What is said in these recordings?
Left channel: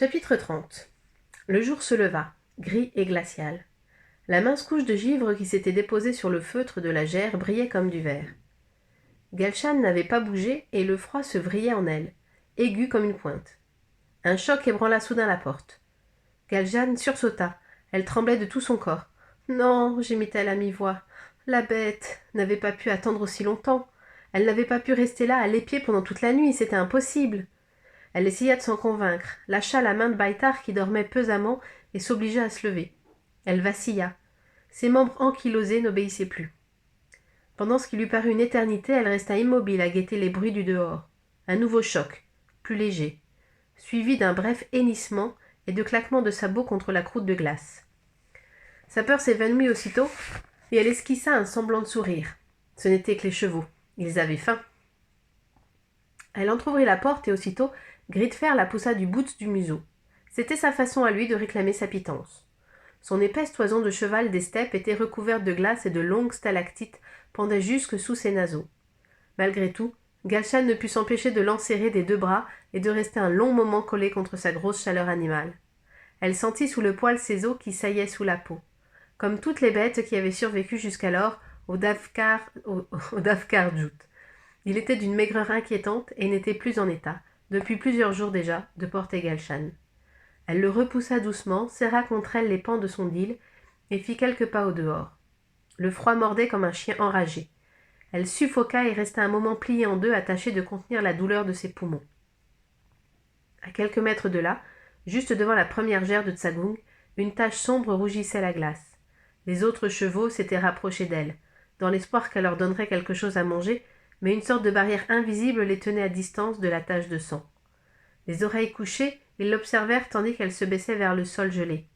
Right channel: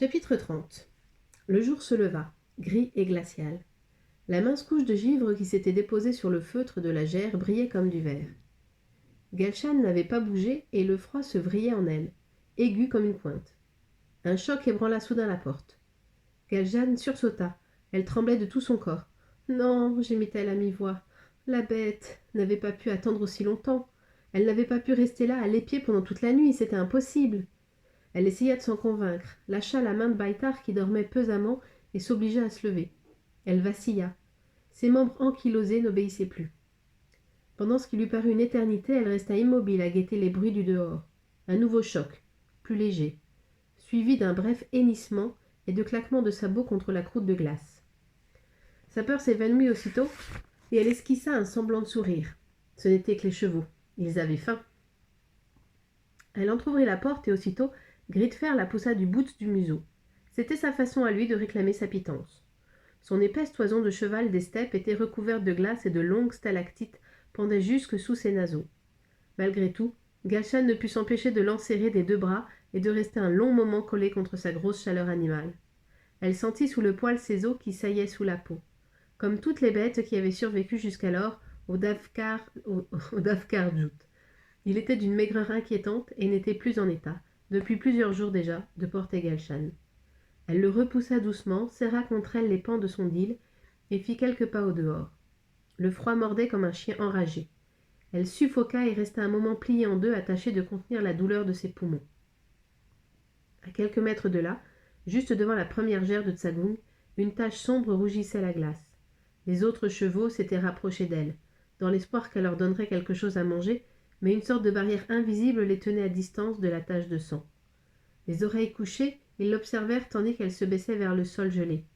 Chapitre 30. Le jour se leva, gris et glacial. La mince couche de givre qui s'était déposée sur le feutre de la gerre brillait comme du verre. Galshan n'avait pas bougé et le froid se vrillait en elle, aigu comme une pointe. Un choc ébranla soudain la porte. Galshan sursauta. Elle tremblait de tout son corps. « Non » gémit-elle à mi-voix. La bête n'avait pas pu attendre aussi longtemps. Elle n'avait pas pu rester là à l'épier pendant toute la nuit, c'était impossible. Elle essaya de s'en convaincre, lâcha la main de Baitar qui dormait pesamment et s'obligea à se lever. Elle vacilla. Ses membres ankylosés n'obéissaient plus. Pendant ce qui lui parut une éternité, elle resta immobile à guetter les bruits du dehors. Un nouveau choc, plus léger, suivi d'un bref hennissement et de claquements de sabots contre la croûte de glace. Sa peur s'évanouit aussitôt et elle esquissa un semblant de sourire. Ce n'étaient que les chevaux. Ils avaient faim. Elle entr'ouvrit la porte et aussitôt, Gridfer la poussa du bout du museau. C'était sa façon à lui de réclamer sa pitance. Son épaisse toison de cheval des steppes était recouverte de glace et de longues stalactites pendaient jusque sous ses naseaux. Malgré tout, Galshan ne put s'empêcher de l'enserrer des deux bras et de rester un long moment collé contre sa grosse chaleur animale. Elle sentit sous le poil ses os qui saillaient sous la peau. Comme toutes les bêtes qui avaient survécu jusqu'alors au Davkar-Djout. Il était d'une maigreur inquiétante et n'était plus en état, depuis plusieurs jours déjà, de porter Galshan. Elle le repoussa doucement, serra contre elle les pans de son dil et fit quelques pas au dehors. Le froid mordait comme un chien enragé. Elle suffoqua et resta un moment pliée en deux à tâcher de contenir la douleur de ses poumons. À quelques mètres de là, juste devant la première gerre de Tsagung, une tache sombre rougissait la glace. Les autres chevaux s'étaient rapprochés d'elle, dans l'espoir qu'elle leur donnerait quelque chose à manger, mais une sorte de barrière invisible les tenait à distance de la tache de sang. Les oreilles couchées, ils l'observèrent tandis qu'elle se baissait vers le sol gelé.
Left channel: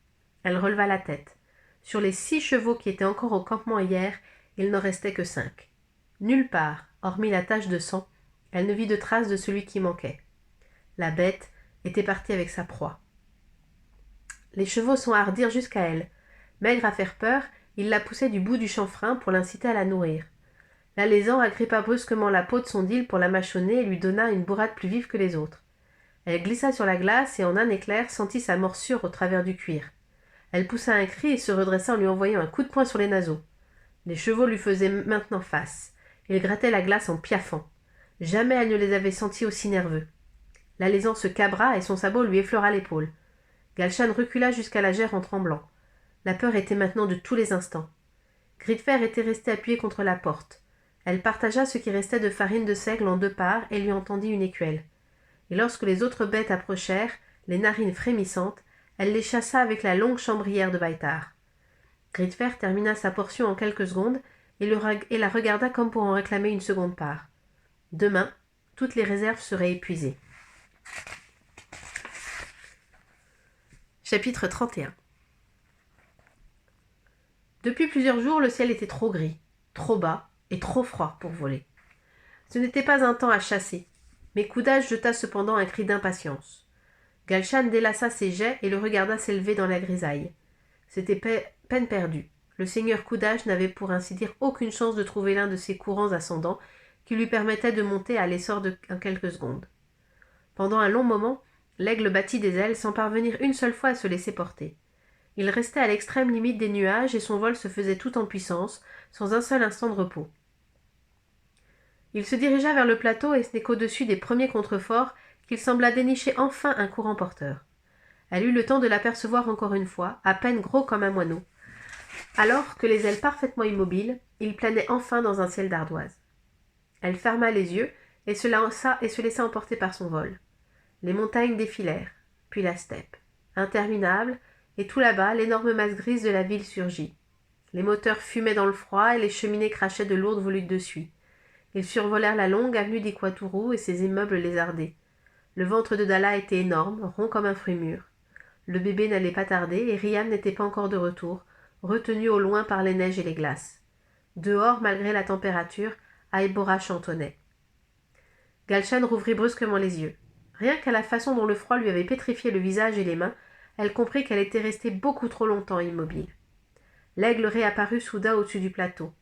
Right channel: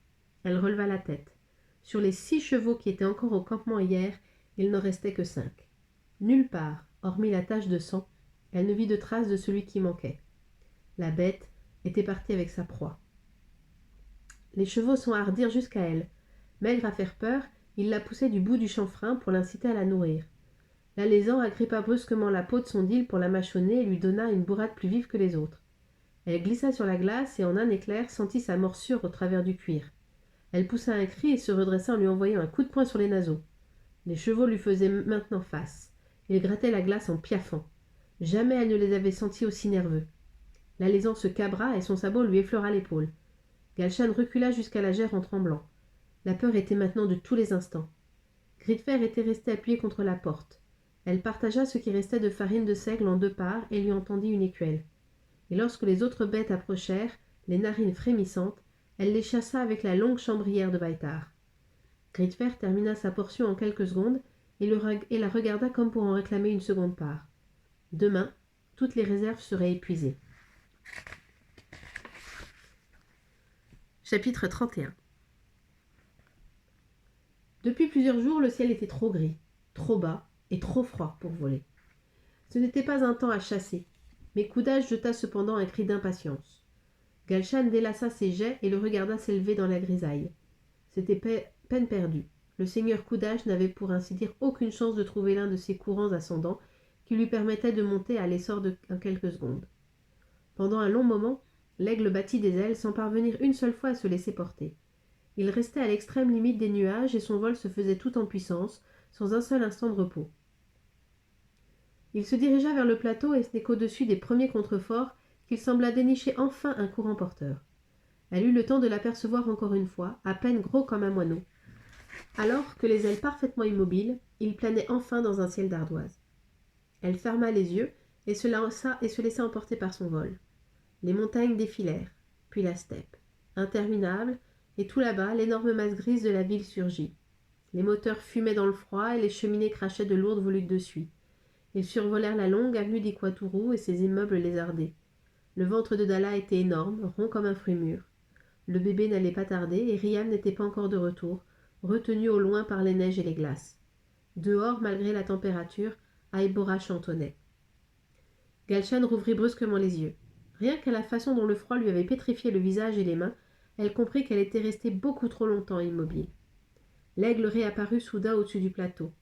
Elle releva la tête. Sur les 6 chevaux qui étaient encore au campement hier, il n'en restait que 5. Nulle part, hormis la tache de sang, elle ne vit de trace de celui qui manquait. La bête était partie avec sa proie. Les chevaux s'enhardirent jusqu'à elle. Maigre à faire peur, ils la poussaient du bout du chanfrein pour l'inciter à la nourrir. L'alezan agrippa brusquement la peau de son dil pour la mâchonner et lui donna une bourrade plus vive que les autres. Elle glissa sur la glace et en un éclair sentit sa morsure au travers du cuir. Elle poussa un cri et se redressa en lui envoyant un coup de poing sur les naseaux. Les chevaux lui faisaient maintenant face. Ils grattaient la glace en piaffant. Jamais elle ne les avait sentis aussi nerveux. L'alezan se cabra et son sabot lui effleura l'épaule. Galshan recula jusqu'à la gerre en tremblant. La peur était maintenant de tous les instants. Gridfer était resté appuyé contre la porte. Elle partagea ce qui restait de farine de seigle en 2 parts et lui entendit une écuelle. Et lorsque les autres bêtes approchèrent, les narines frémissantes, elle les chassa avec la longue chambrière de Baitar. Gridfer termina sa portion en quelques secondes et la regarda comme pour en réclamer une seconde part. Demain, toutes les réserves seraient épuisées. Chapitre 31. Depuis plusieurs jours, le ciel était trop gris, trop bas et trop froid pour voler. Ce n'était pas un temps à chasser, mais Koudash jeta cependant un cri d'impatience. Galshan délaça ses jets et le regarda s'élever dans la grisaille. C'était peine perdue. Le seigneur Koudash n'avait pour ainsi dire aucune chance de trouver l'un de ces courants ascendants qui lui permettaient de monter à l'essor en quelques secondes. Pendant un long moment, l'aigle battit des ailes sans parvenir une seule fois à se laisser porter. Il restait à l'extrême limite des nuages et son vol se faisait tout en puissance, sans un seul instant de repos. Il se dirigea vers le plateau et ce n'est qu'au-dessus des premiers contreforts qu'il sembla dénicher enfin un courant porteur. Elle eut le temps de l'apercevoir encore une fois, à peine gros comme un moineau. Alors que les ailes parfaitement immobiles, il planait enfin dans un ciel d'ardoise. Elle ferma les yeux et se laissa emporter par son vol. Les montagnes défilèrent, puis la steppe, interminable, et tout là-bas, l'énorme masse grise de la ville surgit. Les moteurs fumaient dans le froid et les cheminées crachaient de lourdes volutes de suie. Ils survolèrent la longue avenue d'Iquatourou et ses immeubles lézardés. Le ventre de Dalla était énorme, rond comme un fruit mûr. Le bébé n'allait pas tarder et Riam n'était pas encore de retour, retenu au loin par les neiges et les glaces. Dehors, malgré la température, Aïbora chantonnait. Galshan rouvrit brusquement les yeux. Rien qu'à la façon dont le froid lui avait pétrifié le visage et les mains, elle comprit qu'elle était restée beaucoup trop longtemps immobile. L'aigle réapparut soudain au-dessus du plateau.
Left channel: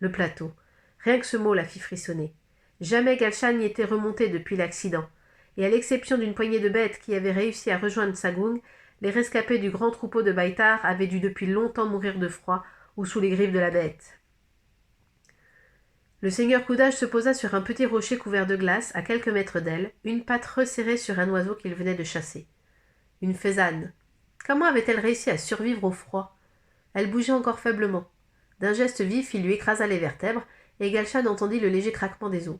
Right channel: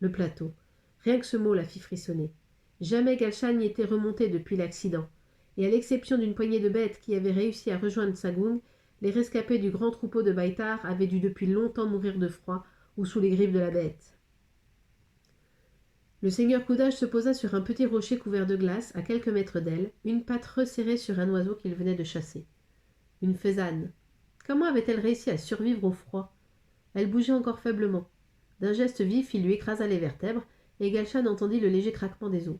Le plateau. Rien que ce mot la fit frissonner. Jamais Galshan n'y était remonté depuis l'accident, et à l'exception d'une poignée de bêtes qui avaient réussi à rejoindre Sagung, les rescapés du grand troupeau de Baitar avaient dû depuis longtemps mourir de froid ou sous les griffes de la bête. Le seigneur Coudage se posa sur un petit rocher couvert de glace, à quelques mètres d'elle, une patte resserrée sur un oiseau qu'il venait de chasser. Une faisane. Comment avait-elle réussi à survivre au froid? Elle bougeait encore faiblement. D'un geste vif, il lui écrasa les vertèbres, et Galshan entendit le léger craquement des os.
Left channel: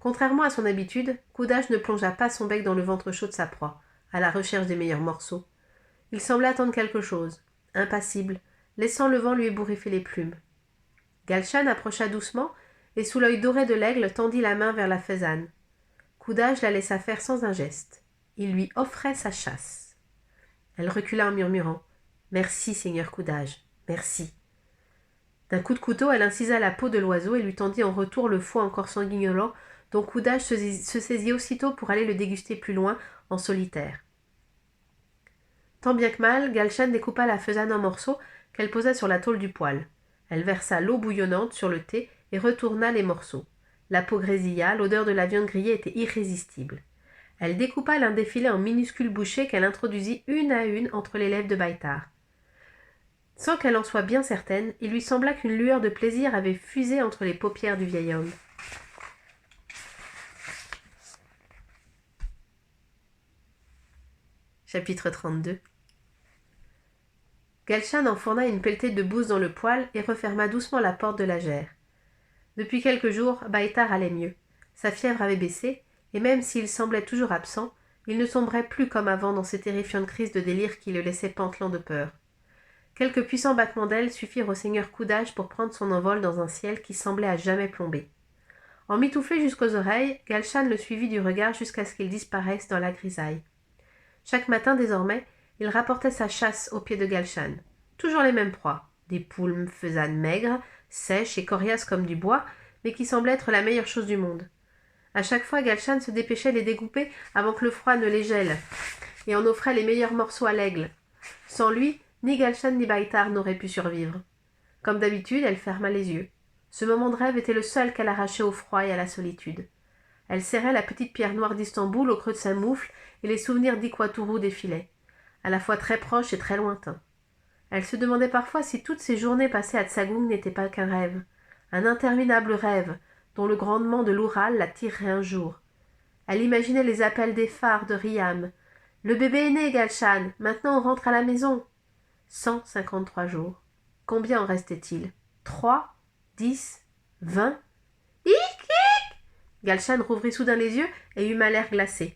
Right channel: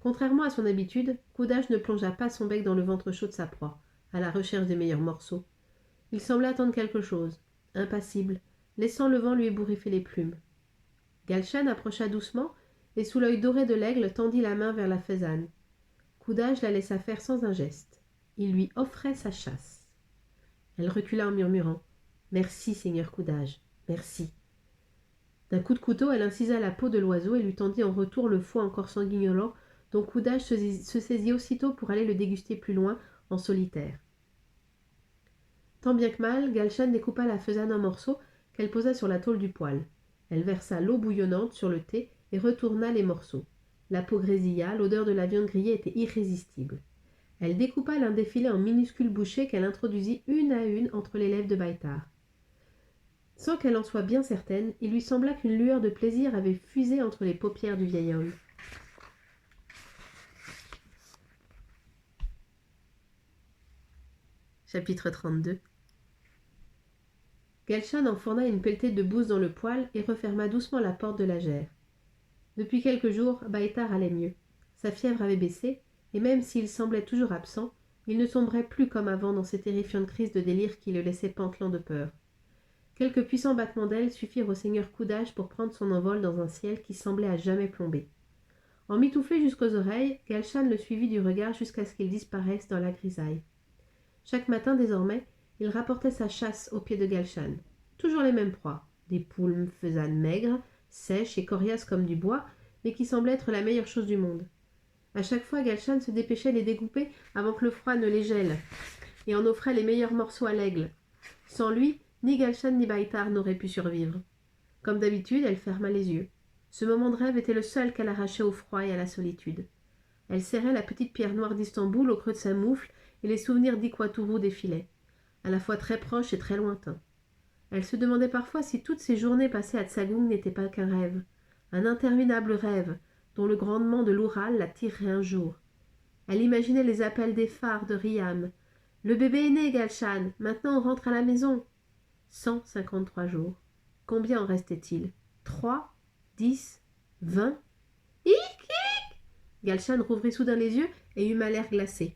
Contrairement à son habitude, Coudage ne plongea pas son bec dans le ventre chaud de sa proie, à la recherche des meilleurs morceaux. Il semblait attendre quelque chose, impassible, laissant le vent lui ébouriffer les plumes. Galshan approcha doucement, et sous l'œil doré de l'aigle tendit la main vers la faisane. Coudage la laissa faire sans un geste. Il lui offrait sa chasse. Elle recula en murmurant « Merci, seigneur Coudage, merci ». D'un coup de couteau, elle incisa la peau de l'oiseau et lui tendit en retour le foie encore sanguignolant dont Coudage se saisit aussitôt pour aller le déguster plus loin, en solitaire. Tant bien que mal, Galshan découpa la faisane en morceaux qu'elle posa sur la tôle du poêle. Elle versa l'eau bouillonnante sur le thé et retourna les morceaux. La peau grésilla, l'odeur de la viande grillée était irrésistible. Elle découpa l'un des filets en minuscules bouchées qu'elle introduisit une à une entre les lèvres de Baitar. Sans qu'elle en soit bien certaine, il lui sembla qu'une lueur de plaisir avait fusé entre les paupières du vieil homme. Chapitre 32. Galshan enfourna une pelletée de bouse dans le poêle et referma doucement la porte de la gère. Depuis quelques jours, Baitar allait mieux. Sa fièvre avait baissé, et même s'il semblait toujours absent, il ne sombrait plus comme avant dans ces terrifiantes crises de délire qui le laissaient pantelant de peur. Quelques puissants battements d'ailes suffirent au seigneur Coudage pour prendre son envol dans un ciel qui semblait à jamais plombé. Emmitouflé jusqu'aux oreilles, Galshan le suivit du regard jusqu'à ce qu'il disparaisse dans la grisaille. Chaque matin, désormais, il rapportait sa chasse au pied de Galshan. Toujours les mêmes proies, des poules faisanes maigres, sèches et coriaces comme du bois, mais qui semblaient être la meilleure chose du monde. À chaque fois, Galshan se dépêchait de les découper avant que le froid ne les gèle, et en offrait les meilleurs morceaux à l'aigle. Sans lui, ni Galshan ni Baitar n'auraient pu survivre. Comme d'habitude, elle ferma les yeux. Ce moment de rêve était le seul qu'elle arrachait au froid et à la solitude. Elle serrait la petite pierre noire d'Istanbul au creux de sa moufle et les souvenirs d'Iquatourou défilaient, à la fois très proches et très lointains. Elle se demandait parfois si toutes ces journées passées à Tsagung n'étaient pas qu'un rêve, un interminable rêve, dont le grondement de l'Oural la tirerait un jour. Elle imaginait les appels des phares de Riam. « Le bébé est né, Galshan, maintenant on rentre à la maison !» 153 jours. Combien en restait-il? 3, 10, 20? Hic, hic! Galshan rouvrit soudain les yeux et eut mal l'air glacé.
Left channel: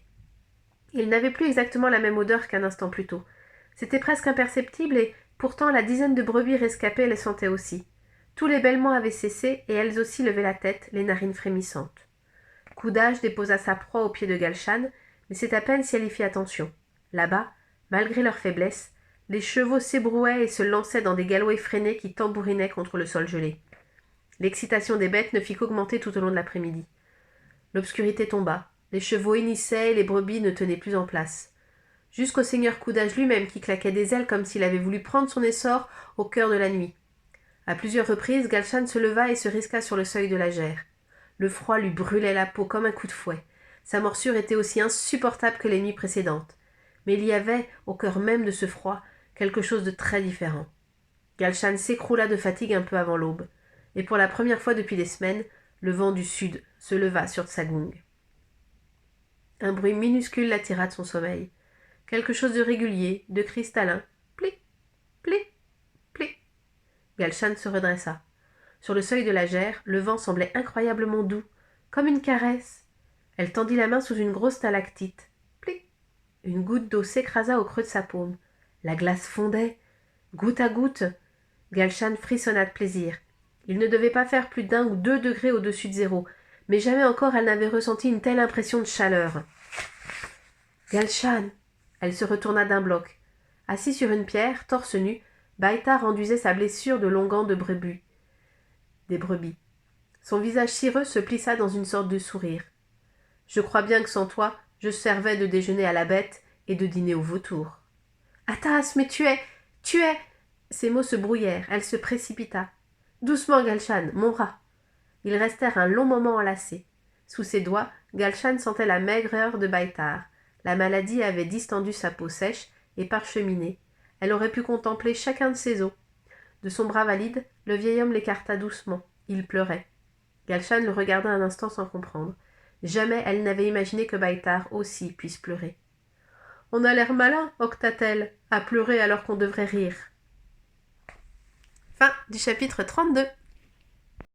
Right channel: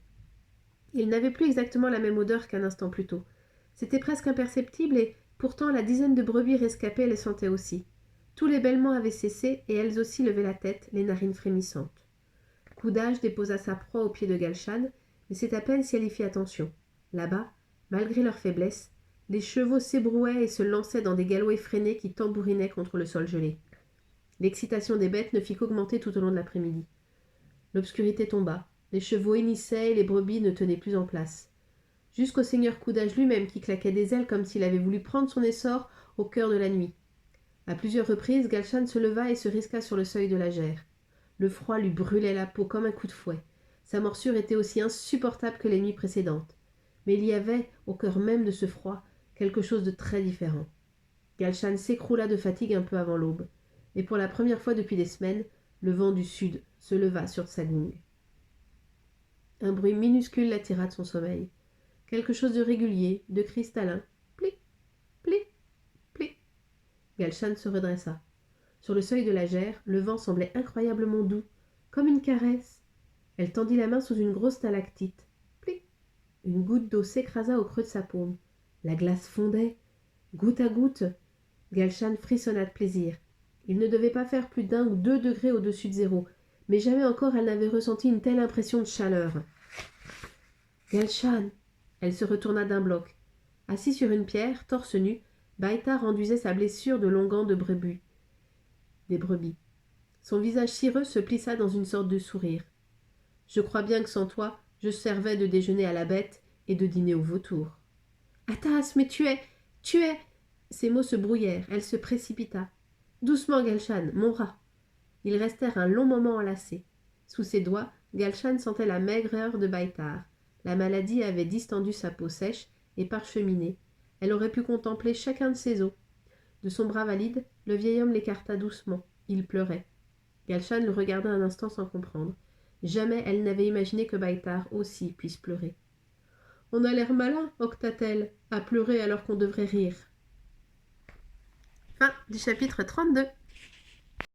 Il n'avait plus exactement la même odeur qu'un instant plus tôt. C'était presque imperceptible et, pourtant, la dizaine de brebis rescapées les sentait aussi. Tous les bêlements avaient cessé et elles aussi levaient la tête, les narines frémissantes. Coudage déposa sa proie au pied de Galshan, mais c'est à peine si elle y fit attention. Là-bas, malgré leur faiblesse, les chevaux s'ébrouaient et se lançaient dans des galops effrénés qui tambourinaient contre le sol gelé. L'excitation des bêtes ne fit qu'augmenter tout au long de l'après-midi. L'obscurité tomba. Les chevaux hennissaient et les brebis ne tenaient plus en place. Jusqu'au seigneur Coudage lui-même qui claquait des ailes comme s'il avait voulu prendre son essor au cœur de la nuit. À plusieurs reprises, Galshan se leva et se risqua sur le seuil de la gère. Le froid lui brûlait la peau comme un coup de fouet. Sa morsure était aussi insupportable que les nuits précédentes. Mais il y avait, au cœur même de ce froid, quelque chose de très différent. Galshan s'écroula de fatigue un peu avant l'aube, et pour la première fois depuis des semaines, le vent du sud se leva sur Tsagung. Un bruit minuscule l'attira de son sommeil. Quelque chose de régulier, de cristallin. Plic, plic, plic. Galshan se redressa. Sur le seuil de la gère, le vent semblait incroyablement doux, comme une caresse. Elle tendit la main sous une grosse stalactite. Plic. Une goutte d'eau s'écrasa au creux de sa paume. La glace fondait. Goutte à goutte. Galshan frissonna de plaisir. Il ne devait pas faire plus d'1 ou 2 degrés au-dessus de zéro, mais jamais encore elle n'avait ressenti une telle impression de chaleur. Galshan. Elle se retourna d'un bloc. Assis sur une pierre, torse nu, Baitar enduisait sa blessure de longan de brebis. Des brebis. Son visage cireux se plissa dans une sorte de sourire. « Je crois bien que sans toi, je servais de déjeuner à la bête et de dîner au vautour. »« Atas, mais tu es... » Ses mots se brouillèrent, elle se précipita. « Doucement, Galshan, mon bras !» Ils restèrent un long moment enlacés. Sous ses doigts, Galshan sentait la maigreur de Baïtar. La maladie avait distendu sa peau sèche et parcheminée. Elle aurait pu contempler chacun de ses os. De son bras valide, le vieil homme l'écarta doucement. Il pleurait. Galshan le regarda un instant sans comprendre. Jamais elle n'avait imaginé que Baïtar aussi puisse pleurer. « On a l'air malin, octa-t-elle, à pleurer alors qu'on devrait rire. » Fin du chapitre 32.